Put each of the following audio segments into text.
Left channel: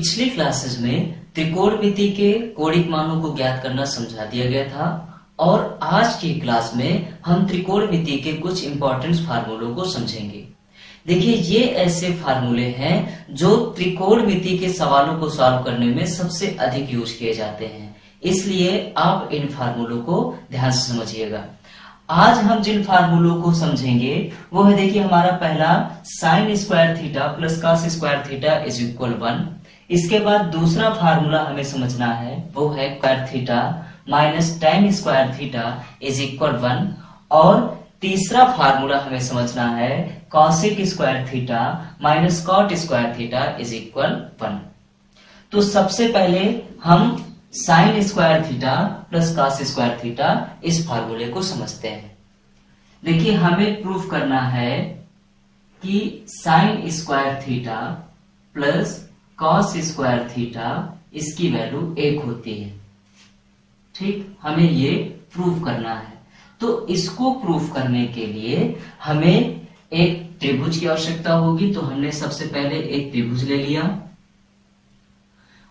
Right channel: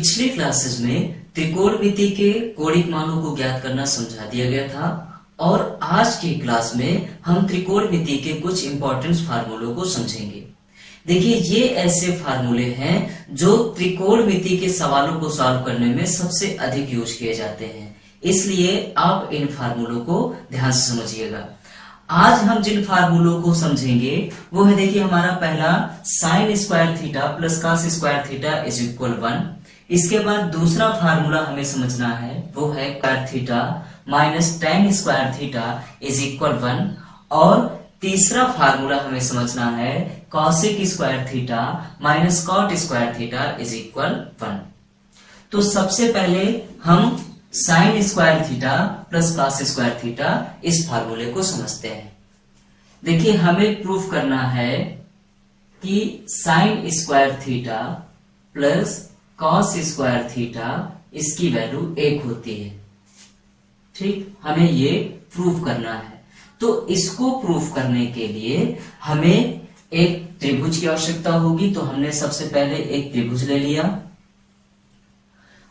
पिछली क्लासेस में त्रिकोणमिति के कौणिक मानों को ज्ञात करना समझा दिया गया था और आज की क्लास में हम त्रिकोणमिति के कुछ इंपॉर्टेंट फार्मूलों को समझेंगे। देखिए, ये ऐसे फार्मूले हैं जो त्रिकोणमिति के सवालों को सॉल्व करने में सबसे अधिक यूज किए जाते हैं, इसलिए आप इन फार्मूलों को ध्यान से समझिएगा। आज हम जिन फार्मूलों को समझेंगे वो है, देखिए, हमारा पहला sign square theta plus cos square theta is equal 1। इसके बाद दूसरा फार्मूला हमें समझना है वो है square theta minus tan square theta is equal 1 और तीसरा फार्मूला हमें समझना है cosec square theta minus cot square theta is equal 1। तो सबसे पहले हम sine square theta plus cos square theta इस फार्मूले को समझते हैं। देखिए, हमें प्रूफ करना है कि sign square theta plus cos square theta इसकी वैल्यू 1 होती है। ठीक, हमें ये प्रूफ करना है। तो इसको प्रूफ करने के लिए हमें एक त्रिभुज की आवश्यकता होगी। तो हमने सबसे पहले एक त्रिभुज ले लिया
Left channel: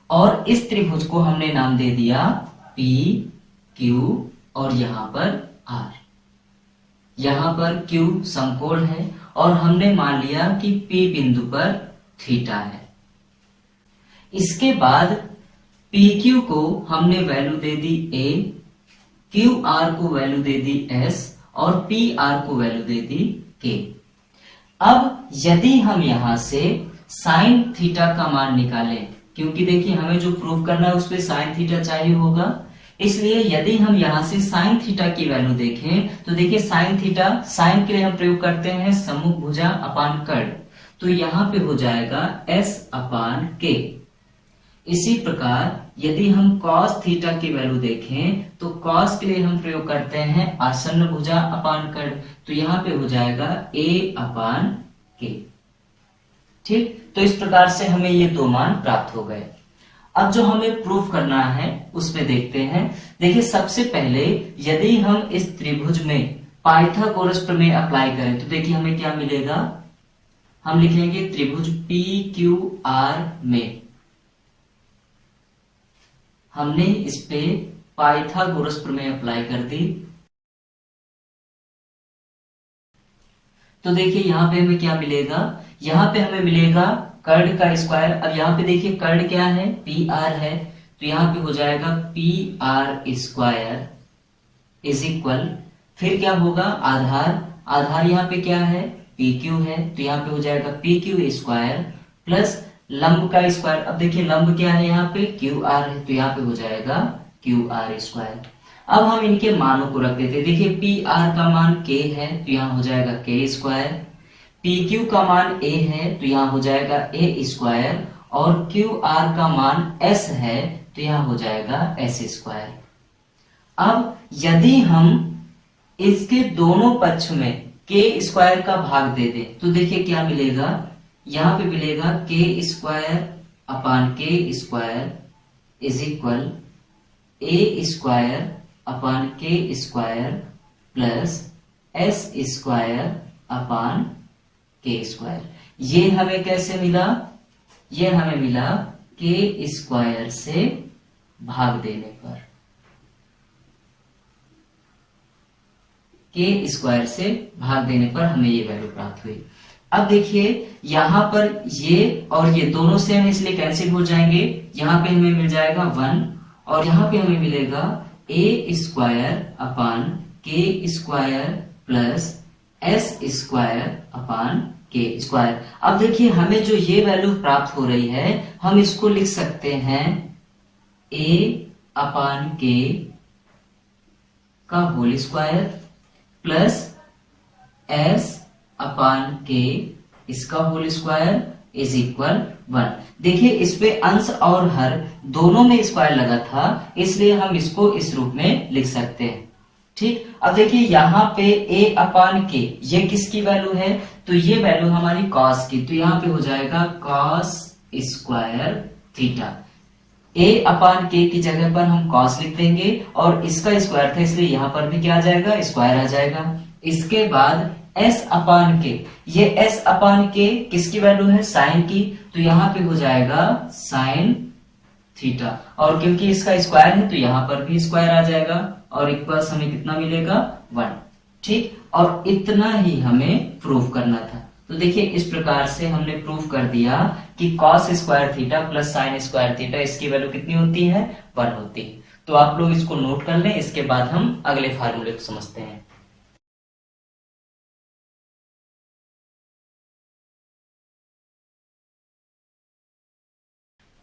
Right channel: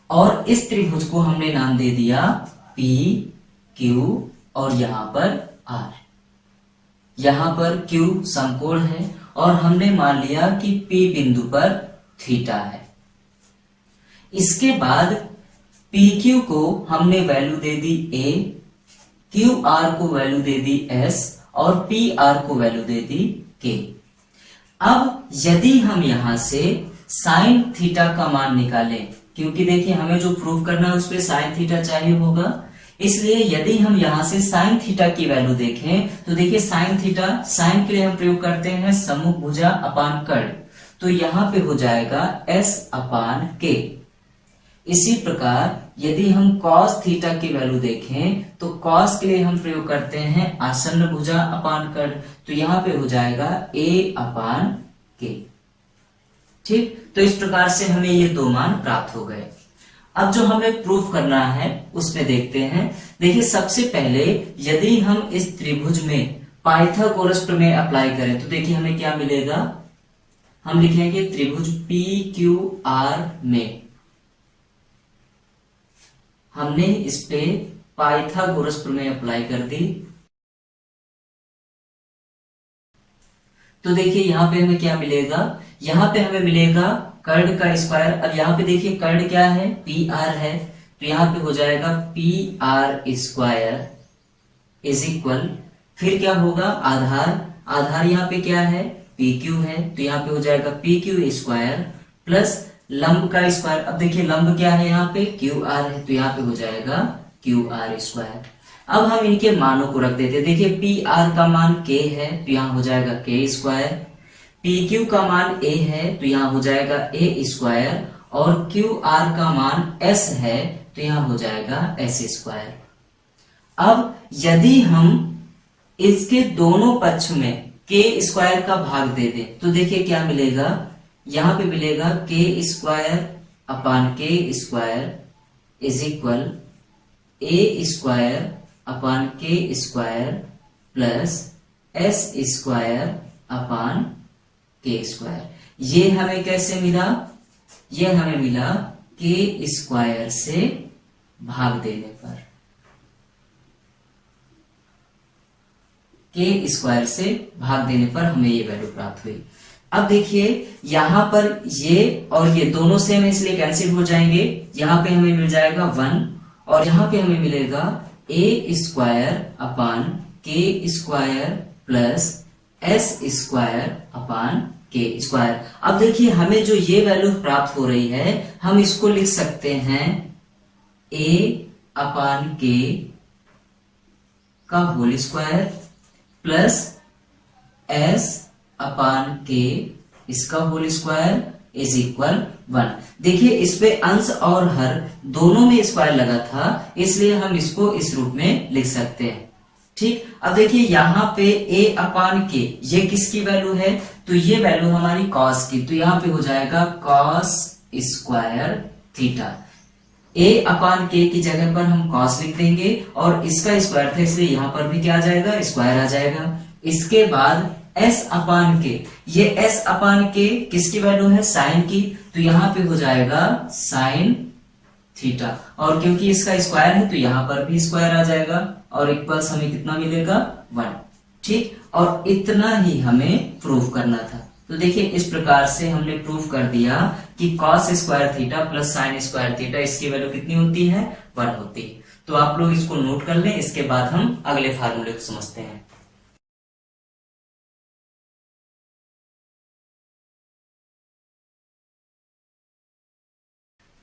और इस त्रिभुज को हमने नाम दे दिया P, Q और यहां पर R। यहां पर Q समकोण है और हमने मान लिया कि P बिंदु पर थीटा है। इसके बाद PQ को हमने value they the A, QR को वैल्यू दे दी S और PR को वैल्यू दे दी K। अब यदि हम यहां से साइन थीटा का मान निकालें, क्योंकि देखिए हमें जो प्रूफ करना है उसपे साइन थीटा चाहिए होगा, इसलिए यदि हम यहां से साइन थीटा की वैल्यू देखें तो देखिए साइन थीटा, साइन के लिए हम प्रयोग करते हैं सम्मुख भुजा अपान कर्ण, तो यहां पे हो जाएगा S अपान K। इसी प्रकार यदि हम कॉस थीटा की वैल्यू देखें तो कॉस के लिए हम प्रयोग करते हैं आसन्न भुजा अपान कर्ण, तो यहां पे हो जाएगा A अपान K। ठीक, तो इस प्रकार से हमें ये दो मान प्राप्त हो गए। अब जो हमें प्रूफ करना है उस पे देखते हैं। देखिए, सबसे पहले यदि हम इस त्रिभुज में पाइथागोरस प्रमेय अप्लाई करें तो देखिए हमें क्या मिलेगा। हम लिखेंगे त्रिभुज PQR में हमने इस पे पाइथागोरस प्रमेय अप्लाई कर दी। तो देखिए यहां पे हमें क्या मिलेगा, यहां पे हमें मिलेगा कर्ण का स्क्वायर। अब यहाँ पे देखिए कर्ण क्या है, PR है, तो यहाँ पे हो जाएगा PR स्क्वायर इज इक्वल, फिर क्या होगा आधार, आधार यहाँ पे क्या है PQ है, तो यहाँ पे हो जाएगा PQ स्क्वायर प्लस लंब का स्क्वायर। अब देखिए लंब क्या है यहाँ पे QR है, तो यहाँ पे हो जाएगा QR स्क्वायर। अब हम इनके मानों को रख देते हैं। देखिए PR का मान K है, तो यहाँ हो जाएगा K स्क्वायर, PQ का मान A है, तो यहाँ हो जाएगा A स्क्वायर और QR का मान S है, तो यहाँ हो जाएगा S स्क्वायर। अब यदि हम इसके दोनों पक्ष में K स्क्वायर का भाग दे दें तो देखिए क्या मिलेगा, यहाँ पे मिलेगा K square upon K square is equal A square upon K square plus S square upon K square. ये हमें कैसे मिला, ये हमें मिला K स्क्वायर से भाग देने पर, K स्क्वायर से भाग देने पर हमें ये वैल्यू प्राप्त हुई। अब देखिए यहां पर ये और ये दोनों सेम इसलिए कैंसिल हो जाएंगे, यहां पे हमें मिल जाएगा 1 और यहां पे हमें मिलेगा A square upon K square plus S square upon K square. अब देखिए हमें जो ये वैल्यू प्राप्त हो रही है हम इसको लिख सकते हैं A अपान K का होल स्क्वायर प्लस S अपान K इसका होल स्क्वायर इज इक्वल 1। देखिए इस पे अंश और हर दोनों में स्क्वायर लगा था, इसलिए हम इसको इस रूप में लिख सकते हैं। ठीक, अब देखिए यहाँ पे A अपान K ये किसकी वैल्यू है, तो ये वैल्यू हमारी कॉस की, तो यहाँ पे हो जाएगा cos square theta. A upon K की जगह पर हम कॉस लिख देंगे और इसका स्क्वायर था इसलिए यहाँ पर भी क्या आ जाएगा, स्क्वायर आ जाएगा। इसके बाद एस अपान के, ये एस अपान के किसकी वैल्यू है, साइन की, तो यहाँ पे हो जाएगा साइन थीटा, और क्योंकि इसका स्क्वायर है तो यहाँ पर भी स्क्वायर आ जाएगा, और इक्वल्स हमें कितना मिलेगा 1। ठीक, और इतना ही हमें प्रूफ करना था। तो देखिए इस प्रकार से हमने प्रूफ कर दिया कि cos square theta plus sign square theta इसकी वैल्यू कितनी होती है, 1 होती है। तो आप लोग इसको नोट कर लें, इसके बाद हम अगले फार्मूले को समझते हैं।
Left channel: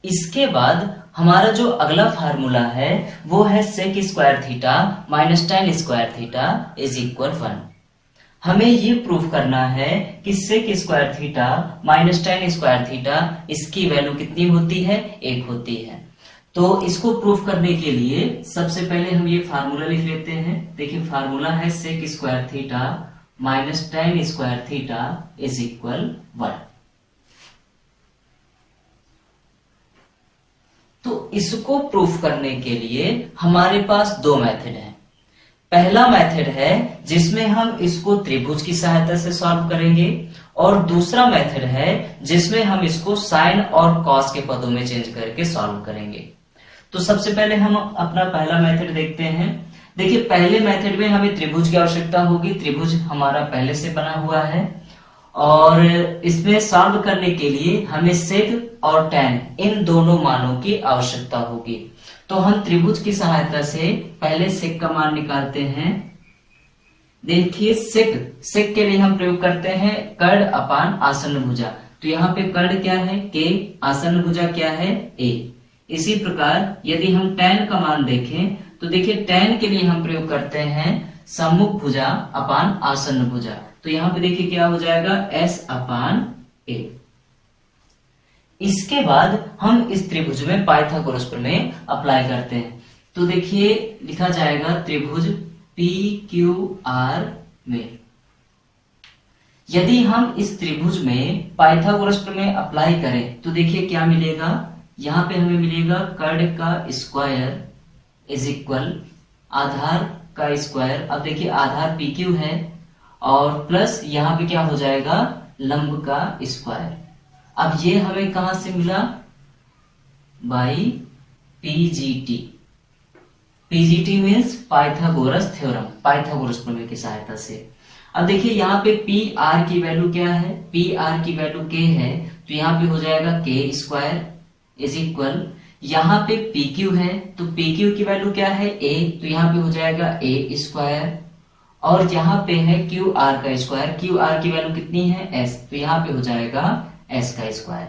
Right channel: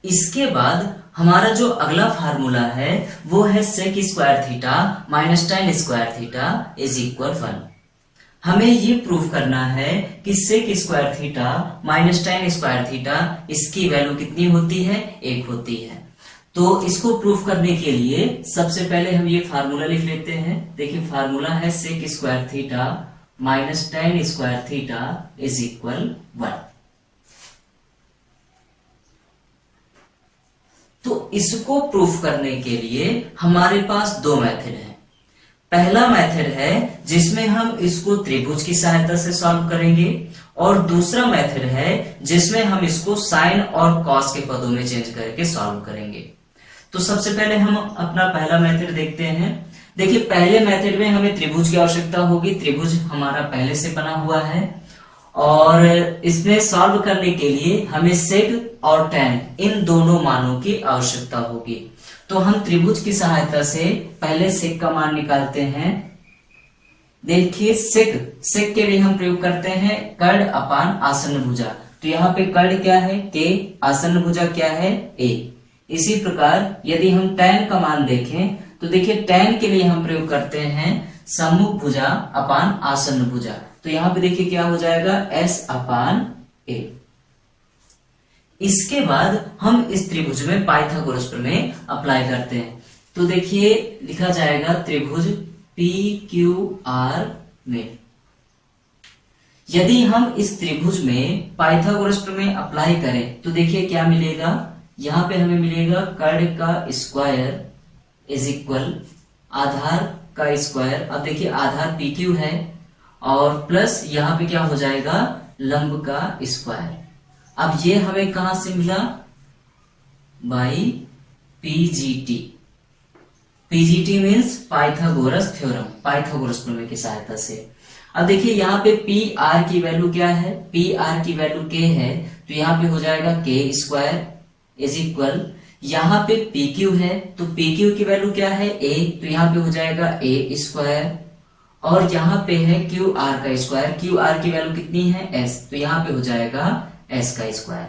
इसके बाद हमारा जो अगला फार्मूला है वो है sec square theta minus tan square theta is equal 1। हमें ये प्रूफ करना है कि sec square theta minus tan square theta इसकी वैल्यू कितनी होती है, 1 होती है। तो इसको प्रूफ करने के लिए सबसे पहले हम ये फार्मूला लिख लेते हैं। देखिए फार्मूला है sec square theta minus tan square theta is equal 1। तो इसको प्रूफ करने के लिए हमारे पास दो मेथड हैं। पहला मेथड है जिसमें हम इसको त्रिभुज की सहायता से सॉल्व करेंगे, और दूसरा मेथड है जिसमें हम इसको साइन और कॉस के पदों में चेंज करके सॉल्व करेंगे। तो सबसे पहले हम अपना पहला मेथड देखते हैं। देखिए पहले मेथड में हमें त्रिभुज की आवश्यकता होगी, त्रिभुज हमारा पहले से बना हुआ है, और इसमें सॉल्व करने के लिए हमें सेक और टेन इन दोनों मानों की आवश्यकता होगी। तो हम त्रिभुज की सहायता से पहले सेक का मान निकालते हैं। देखिए सेक के लिए हम प्रयोग करते हैं कर्ण अपान आसन्न भुजा। तो यहाँ पे कर्ण क्या है, के, आसन्न भुजा क्या है, ए। इसी प्रकार यदि हम टेन का मान देखें तो देखिए टेन के लिए हम प्रयोग करते हैं सम्मुख भुजा अपान आसन्न भुजा। तो यहाँ पे देखिए क्या हो जाएगा, एस अपान ए। इसके बाद हम इस त्रिभुज में पाइथागोरस प्रमेय अप्लाई करते हैं। तो देखिए लिखा जाएगा त्रिभुज पी क्यू आर में, यदि हम इस त्रिभुज में पाइथागोरस प्रमेय अप्लाई करें तो देखिए क्या मिलेगा, यहाँ पे हमें मिलेगा कर्ण का स्क्वायर इज इक्वल आधार का स्क्वायर। अब देखिए आधार पी क्यू है, और प्लस यहाँ पे क्या हो जाएगा, लंब का स्क्वायर। अब ये हमें कहां से मिला, by PGT. PGT means Pythagoras theorem, Pythagoras प्रमेय की सहायता से। अब देखिए यहाँ पे पी आर की वैल्यू क्या है, पी आर की वैल्यू के है, तो यहाँ पे हो जाएगा के स्क्वायर इज इक्वल, यहाँ पे पी क्यू है तो पी क्यू की वैल्यू क्या है, ए, तो यहाँ पे हो जाएगा ए स्क्वायर, और यहाँ पे है क्यू आर का स्क्वायर, क्यू आर की वैल्यू कितनी है, एस, तो यहाँ पे हो जाएगा एस का स्क्वायर।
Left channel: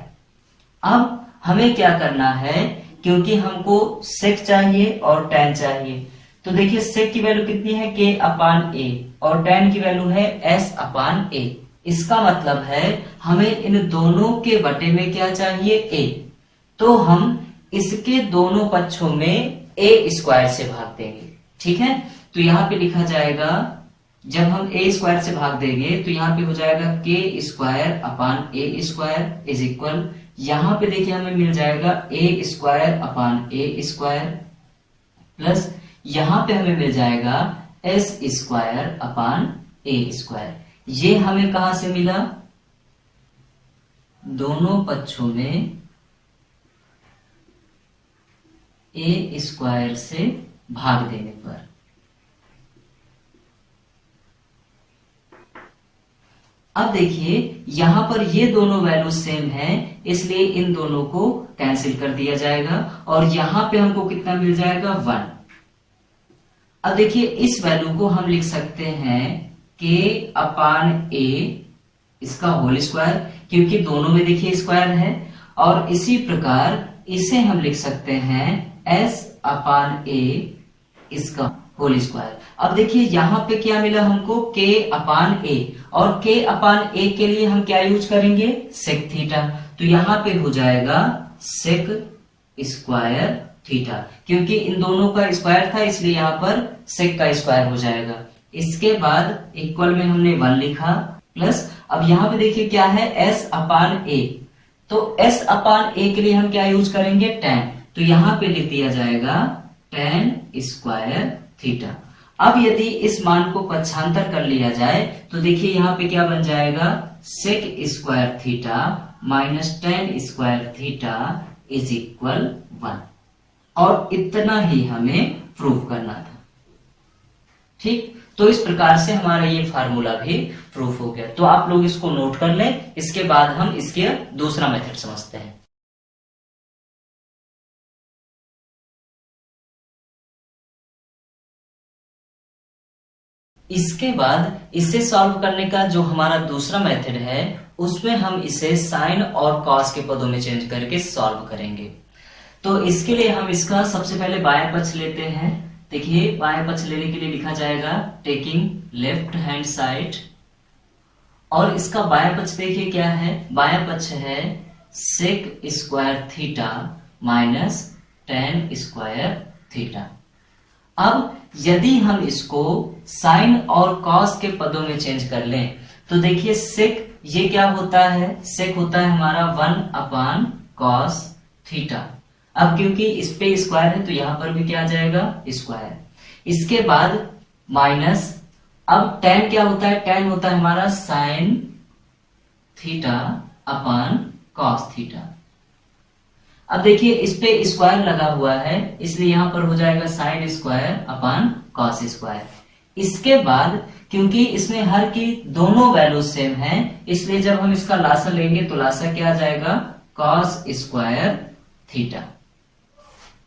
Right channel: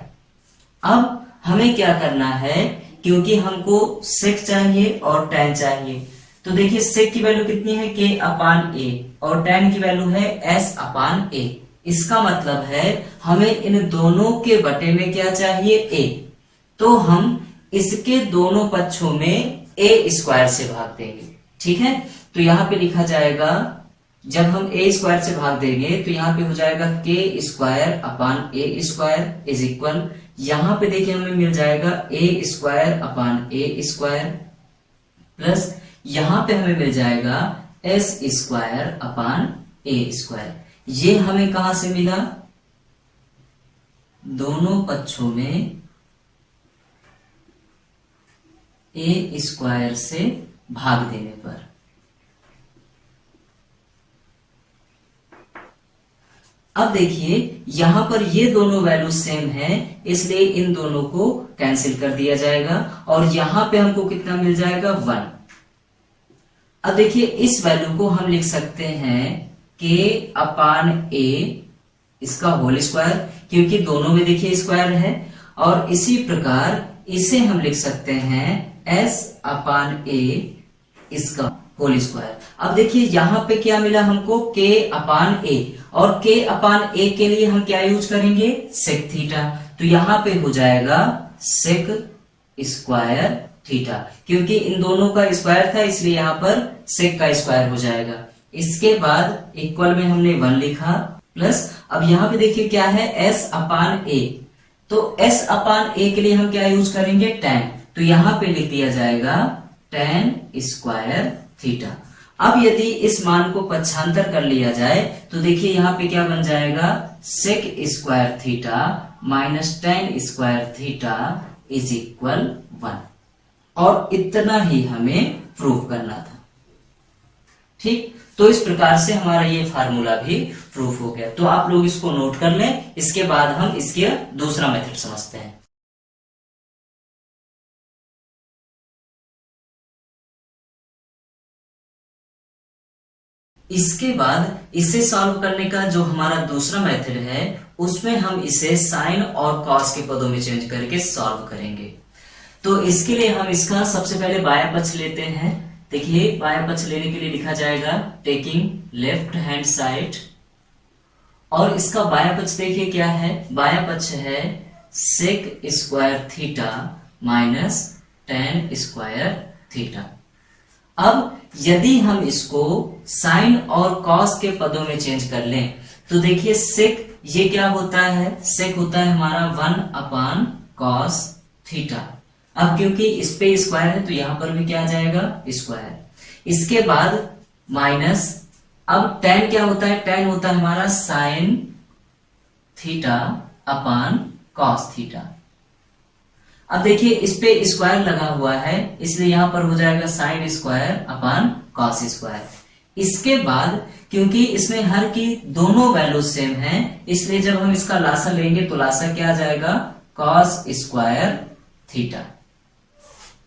अब हमें क्या करना है, क्योंकि हमको सेक चाहिए और टेन चाहिए, तो देखिए सेक की वैल्यू कितनी है, के अपान ए, और टेन की वैल्यू है एस अपान ए। इसका मतलब है हमें इन दोनों के बटे में क्या चाहिए, ए। तो हम इसके दोनों पक्षों में ए स्क्वायर से भाग देंगे। ठीक है, तो यहाँ पे लिखा जाएगा, जब हम ए स्क्वायर से भाग देंगे तो यहाँ पे हो जाएगा के square upon A square is equal, यहाँ पे देखिए हमें मिल जाएगा ए स्क्वायर अपान ए स्क्वायर, प्लस यहाँ पे हमें मिल जाएगा एस स्क्वायर अपान ए स्क्वायर। ये हमें कहां से मिला, दोनों पक्षों में ए स्क्वायर से भाग देने पर। अब देखिए यहां पर ये दोनों वैल्यू सेम हैं, इसलिए इन दोनों को कैंसिल कर दिया जाएगा, और यहां पे हमको कितना मिल जाएगा, 1। अब देखिए इस वैल्यू को हम लिख सकते हैं के अपान ए, इसका होल स्क्वायर, क्योंकि दोनों में देखिए स्क्वायर है, और इसी प्रकार इसे हम लिख सकते हैं एस अपान ए, इसका होल स्क्वायर। अब देखिए यहाँ पे क्या मिला हमको, के अपान ए, और के अपान ए के लिए हम क्या यूज करेंगे, सेक थीटा। तो यहाँ पे हो जाएगा सेक स्क्वायर थीटा, क्योंकि इन दोनों का स्क्वायर था इसलिए यहाँ पर सेक का स्क्वायर हो जाएगा। इसके बाद इक्वल में हमने 1 लिखा, प्लस अब यहाँ पे देखिए क्या है, एस अपान ए, तो एस अपान ए के लिए हम क्या यूज करेंगे, टेन, तो यहाँ पे लिख दिया जाएगा टेन स्क्वायर थीटा। अब यदि इस मान को पक्षांतर कर लिया जाए तो देखिए यहाँ पे क्या बन जाएगा, sec square theta minus tan square theta is equal 1। और इतना ही हमें प्रूव करना था। ठीक, तो इस प्रकार से हमारा ये फार्मूला भी प्रूफ हो गया। तो आप लोग इसको नोट कर लें, इसके बाद हम इसके दूसरा मेथड समझते हैं। इसके बाद इसे सॉल्व करने का जो हमारा दूसरा मेथड है उसमें हम इसे साइन और कॉस के पदों में चेंज करके सॉल्व करेंगे। तो इसके लिए हम इसका सबसे पहले बायां पक्ष लेते हैं। देखिए बायां पक्ष लेने के लिए लिखा जाएगा टेकिंग लेफ्ट हैंड साइड, और इसका बायां पक्ष देखिए क्या है, बायां पक्ष है sec square theta minus tan square theta. अब यदि हम इसको साइन और कॉस के पदों में चेंज कर लें तो देखिए सेक ये क्या होता है, सेक होता है हमारा 1 कॉस थीटा। अब क्योंकि इस पे स्क्वायर है तो यहां पर भी क्या आ जाएगा, स्क्वायर। इसके बाद माइनस, अब टेन क्या होता है, टेन होता है हमारा sine theta upon cos theta. अब देखिए इस पे स्क्वायर लगा हुआ है इसलिए यहां पर हो जाएगा sine square upon cos square. इसके बाद क्योंकि इसमें हर की दोनों वैल्यू सेम है इसलिए जब हम इसका लासा लेंगे तो लासा क्या आ जाएगा, कॉस स्क्वायर थीटा।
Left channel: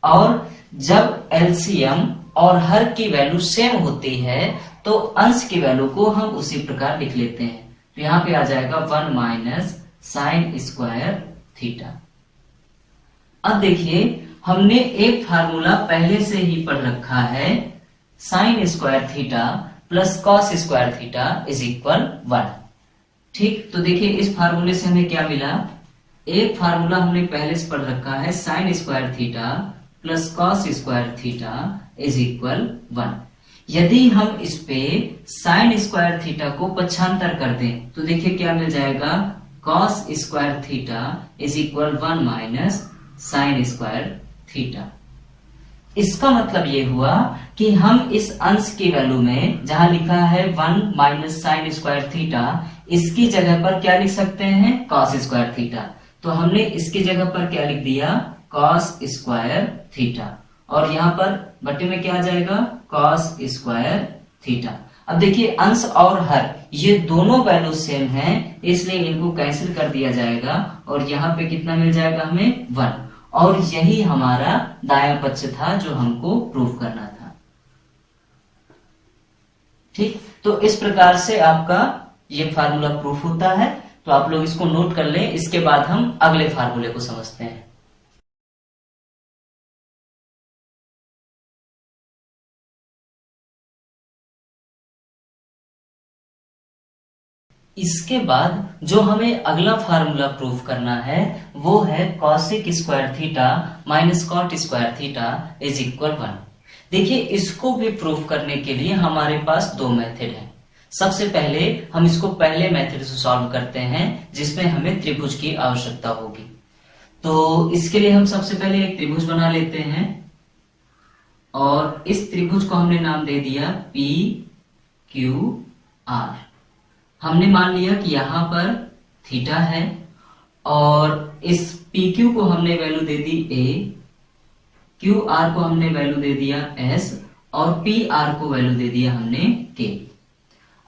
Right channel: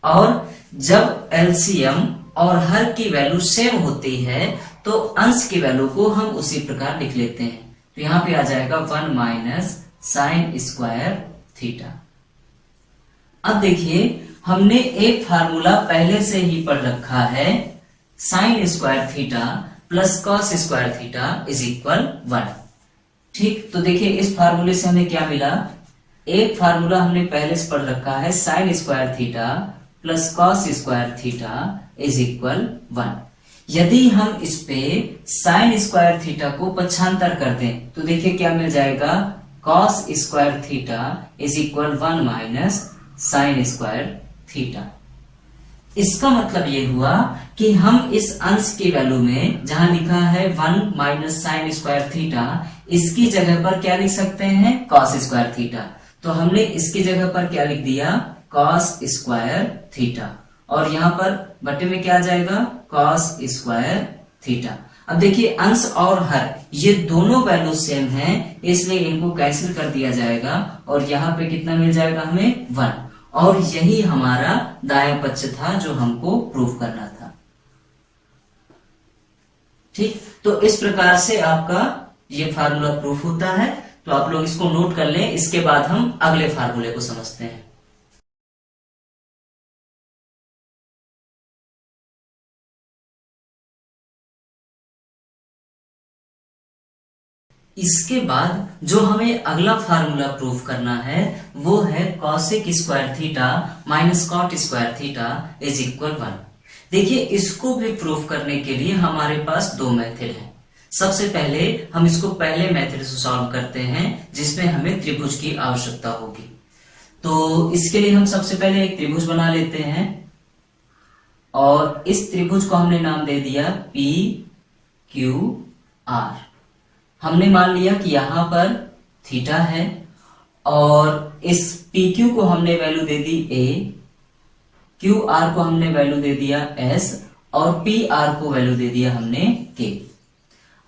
और जब एलसीएम और हर की वैल्यू सेम होती है तो अंश की वैल्यू को हम उसी प्रकार लिख लेते हैं। तो यहां पे आ जाएगा 1 माइनस साइन स्क्वायर थीटा। अब देखिए हमने एक फार्मूला पहले से ही पढ़ रखा है, sign square theta plus cos square theta is equal 1। ठीक, तो देखिए इस फार्मूले से हमें क्या मिला, एक फार्मूला हमने पहले से पढ़ रखा है sign square theta plus cos square theta is equal 1। यदि हम इस पे साइन स्क्वायर थीटा को पक्षांतर कर दें तो देखिए क्या मिल जाएगा, cos square theta is equal 1 minus sign square theta. इसका मतलब ये हुआ कि हम इस अंश की वैल्यू में जहां लिखा है 1 माइनस साइन स्क्वायर थीटा, इसकी जगह पर क्या लिख सकते हैं, कॉस स्क्वायर थीटा। तो हमने इसकी जगह पर क्या लिख दिया, कॉस स्क्वायर थीटा, और यहां पर बटे में क्या आ जाएगा, कॉस स्क्वायर थीटा। अब देखिए अंश और हर ये दोनों वैल्यू सेम हैं इसलिए इनको कैंसिल कर दिया जाएगा और यहाँ पे कितना मिल जाएगा हमें 1। और यही हमारा दायां पक्ष था जो हमको प्रूफ करना था। ठीक, तो इस प्रकार से आपका ये फार्मूला प्रूफ होता है। तो आप लोग इसको नोट कर लें, इसके बाद हम अगले फार्मूले को समझते हैं। इसके बाद जो हमें अगला फार्मूला प्रूफ करना है वो है cosec square theta minus cot square theta is equal 1। देखिए इसको भी प्रूफ करने के लिए हमारे पास दो मेथड हैं। सबसे पहले हम इसको पहले मेथड से सॉल्व करते हैं जिसमें हमें त्रिभुज की आवश्यकता होगी। तो इसके लिए हम सबसे पहले एक त्रिभुज बना लेते हैं और इस त्रिभुज को हमने नाम दे दिया पी क्यू आर। हमने मान लिया कि यहां पर थीटा है और इस पी क्यू को हमने वैल्यू दे दी ए, क्यू आर को हमने वैल्यू दे दिया एस और पी आर को वैल्यू दे दिया हमने के।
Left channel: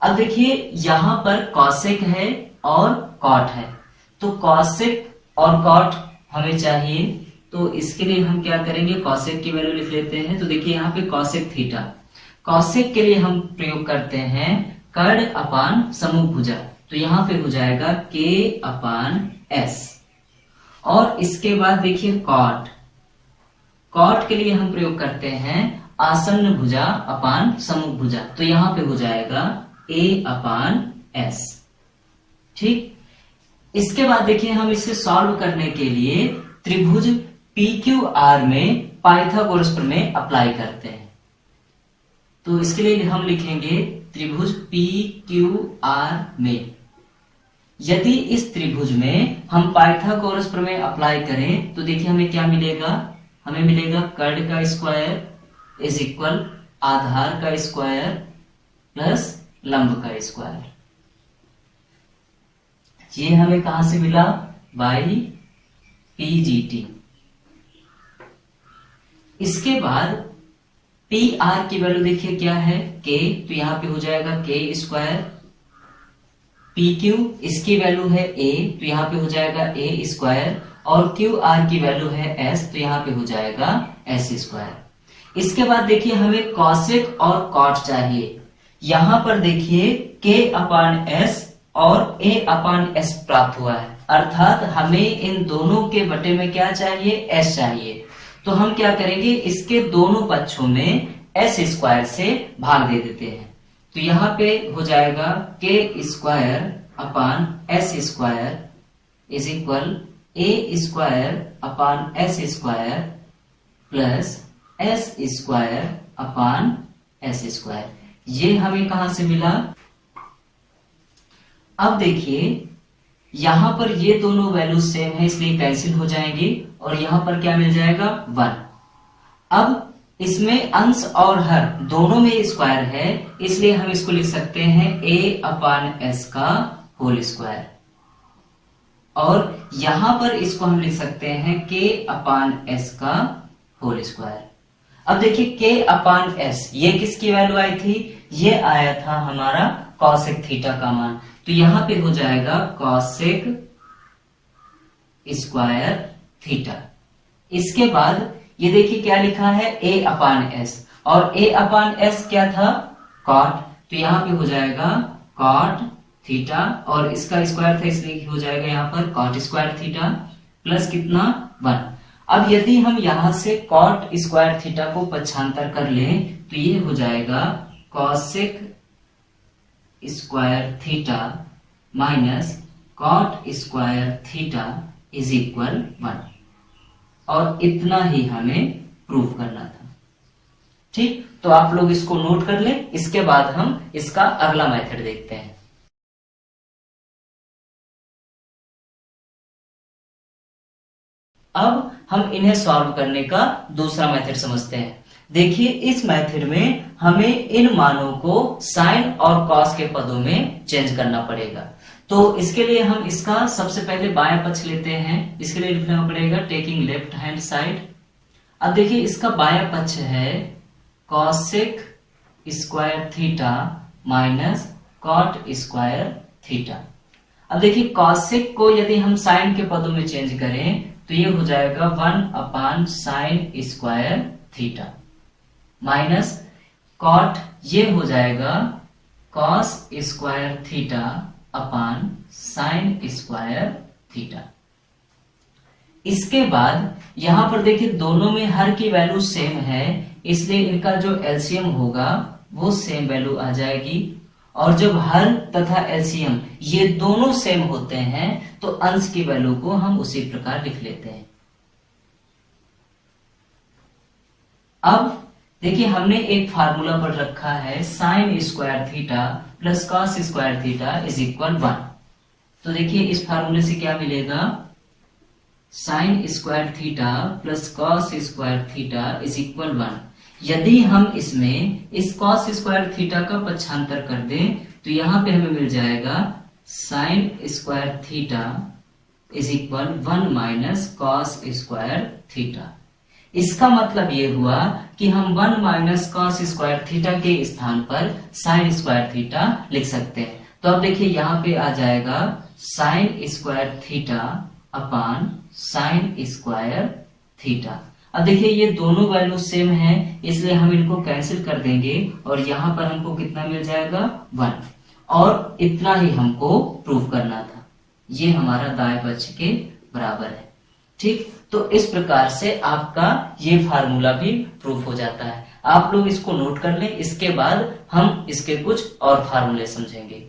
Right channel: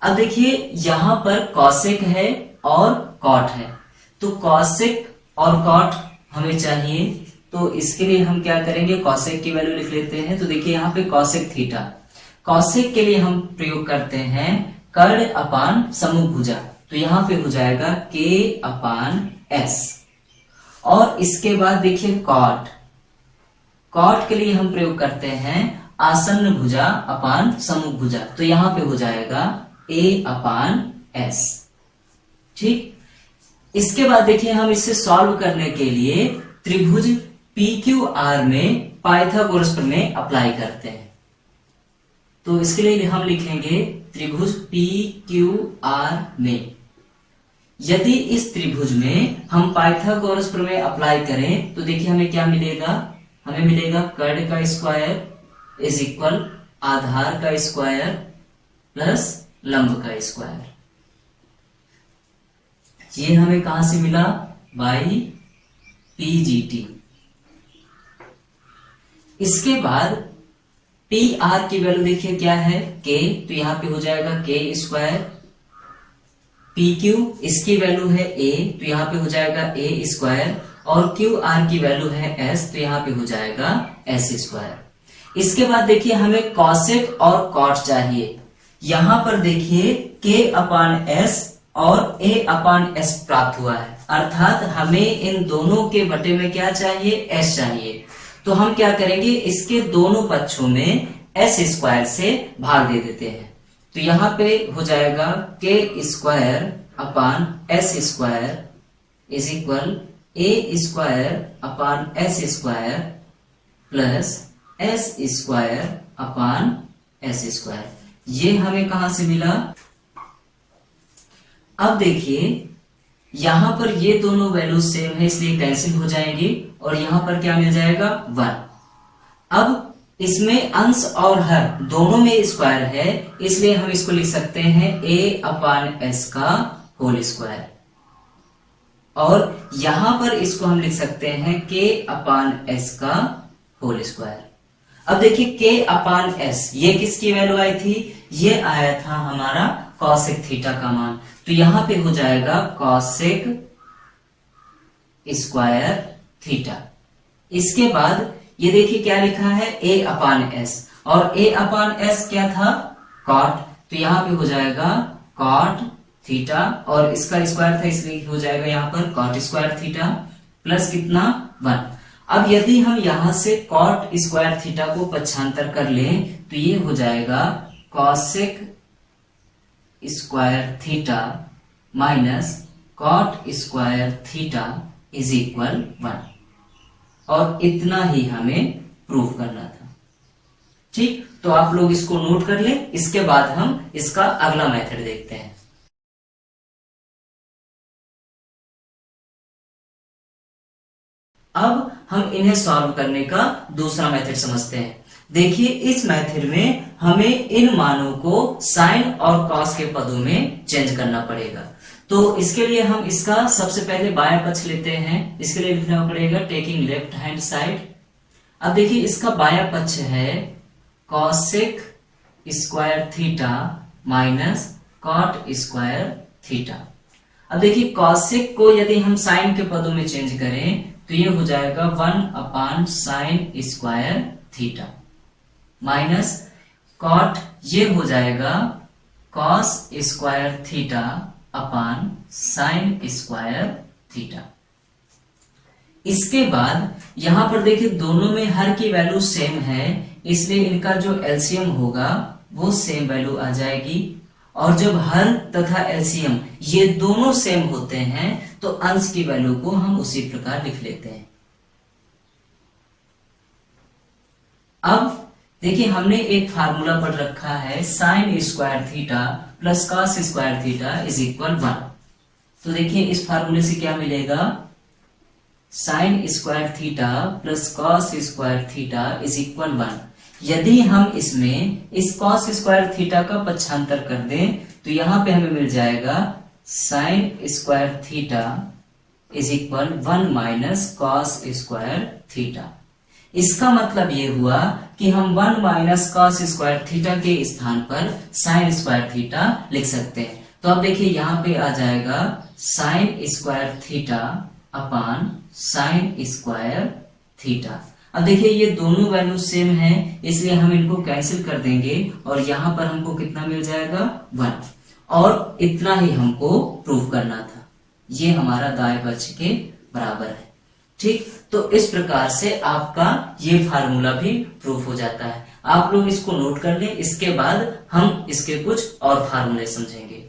अब देखिए यहां पर कॉसेक है और कॉट है, तो कॉसेक और कॉट हमें चाहिए। तो इसके लिए हम क्या करेंगे, कॉसेक की वैल्यू लिख लेते हैं। तो देखिए यहाँ पे कॉसेक थीटा, कॉसेक के लिए हम प्रयोग करते हैं कर्ण अपान समूह भुजा। तो यहां पे हो जाएगा के अपान एस। और इसके बाद देखिए कॉट, कॉट के लिए हम प्रयोग करते हैं आसन्न भुजा अपान समूह भुजा। तो यहां पे हो जाएगा ए अपान एस। ठीक, इसके बाद देखिए हम इसे सॉल्व करने के लिए त्रिभुज पी क्यू आर में पाइथागोरस प्रमेय अप्लाई करते हैं। तो इसके लिए हम लिखेंगे त्रिभुज पी क्यू आर में यदि इस त्रिभुज में हम पाइथागोरस प्रमेय अप्लाई करें तो देखिए हमें क्या मिलेगा, हमें मिलेगा कर्ण का स्क्वायर इज इक्वल आधार का स्क्वायर प्लस लंब का स्क्वायर। ये हमें कहां से मिला? By PGT। इसके बाद पी आर की वैल्यू देखिए क्या है? K, तो यहां पे हो जाएगा K स्क्वायर। पी क्यू इसकी वैल्यू है A, तो यहां पे हो जाएगा A स्क्वायर। और क्यू आर की वैल्यू है S, तो यहां पे हो जाएगा S स्क्वायर। इसके बाद देखिए हमें कॉसेक और कॉट चाहिए। यहां पर देखिए K अपान S और A अपान S प्राप्त हुआ है, अर्थात हमें इन दोनों के बटे में क्या चाहिए? S चाहिए। तो हम क्या करेंगे? इसके दोनों पक्षों में S स्क्वायर से भाग दे देते हैं। तो यहां पे हो जाएगा K square upon S square is equal A square upon S square plus S square upon S square. ये हमें कहां से मिला? अब देखिए यहां पर ये दोनों वैल्यू सेम है, इसलिए कैंसिल हो जाएंगे और यहां पर क्या मिल जाएगा? 1। अब इसमें अंश और हर दोनों में स्क्वायर है, इसलिए हम इसको लिख सकते हैं A अपान S का होल स्क्वायर। और यहां पर इसको हम लिख सकते हैं K अपान S का होल स्क्वायर। अब देखिए K अपान S ये किसकी वैल्यू आई थी? ये आया था हमारा कॉसेक थीटा का मान। तो यहां पे हो जाएगा कॉसेक स्क्वायर थीटा। इसके बाद ये देखिए क्या लिखा है? A अपान S, और A अपान S क्या था? कॉट। तो यहां पे हो जाएगा कॉट थीटा, और इसका स्क्वायर था इसलिए हो जाएगा यहां पर कॉट स्क्वायर थीटा प्लस कितना? 1। अब यदि हम यहां से कॉट स्क्वायर थीटा को पक्षांतर कर लें तो ये हो जाएगा cosec square theta minus cot square theta is equal 1। और इतना ही हमें प्रूव करना था। ठीक, तो आप लोग इसको नोट कर लें। इसके बाद हम इसका अगला मेथड देखते हैं। अब हम इन्हें सॉल्व करने का दूसरा मेथड समझते हैं। देखिए इस मेथड में हमें इन मानों को साइन और कॉस के पदों में चेंज करना पड़ेगा। तो इसके लिए हम इसका सबसे पहले बाएं पक्ष लेते हैं। इसके लिए लिखना पड़ेगा टेकिंग लेफ्ट हैंड साइड। अब देखिए इसका बायां पक्ष है cosec square theta minus cot square theta. अब देखिए कॉसेक को यदि हम साइन के पदों में चेंज करें तो ये हो जाएगा 1 upon sine square theta minus cot ये हो जाएगा cos square theta upon sine square theta. इसके बाद यहां पर देखिए दोनों में हर की वैल्यू सेम है, इसलिए इनका जो एलसीएम होगा वो सेम वैल्यू आ जाएगी। और जब हर तथा एलसीएम ये दोनों सेम होते हैं तो अंश की वैल्यू को हम उसी प्रकार लिख लेते हैं। अब देखिए हमने एक फार्मूला पढ़ रखा है sign square theta plus cos square theta is equal 1। तो देखिए इस फार्मूले से क्या मिलेगा? Sign square theta plus cos square theta is equal 1। यदि हम इसमें इस कॉस स्क्वायर थीटा का पक्षांतर कर दें तो यहां पे हमें मिल जाएगा sign square theta is equal 1 minus cos square theta. इसका मतलब ये हुआ कि हम 1 माइनस कॉस स्क्वायर थीटा के स्थान पर साइन स्क्वायर थीटा लिख सकते हैं। तो अब देखिए यहां पे आ जाएगा sign square theta upon sine square theta. अब देखिए ये दोनों वैल्यू सेम है, इसलिए हम इनको कैंसिल कर देंगे और यहां पर हमको कितना मिल जाएगा? 1। और इतना ही हमको प्रूव करना था। ये हमारा दाएं पक्ष के बराबर है। ठीक, तो इस प्रकार से आपका ये फार्मूला भी प्रूफ हो जाता है। आप लोग इसको नोट कर लें, इसके बाद हम इसके कुछ और फार्मूले समझेंगे।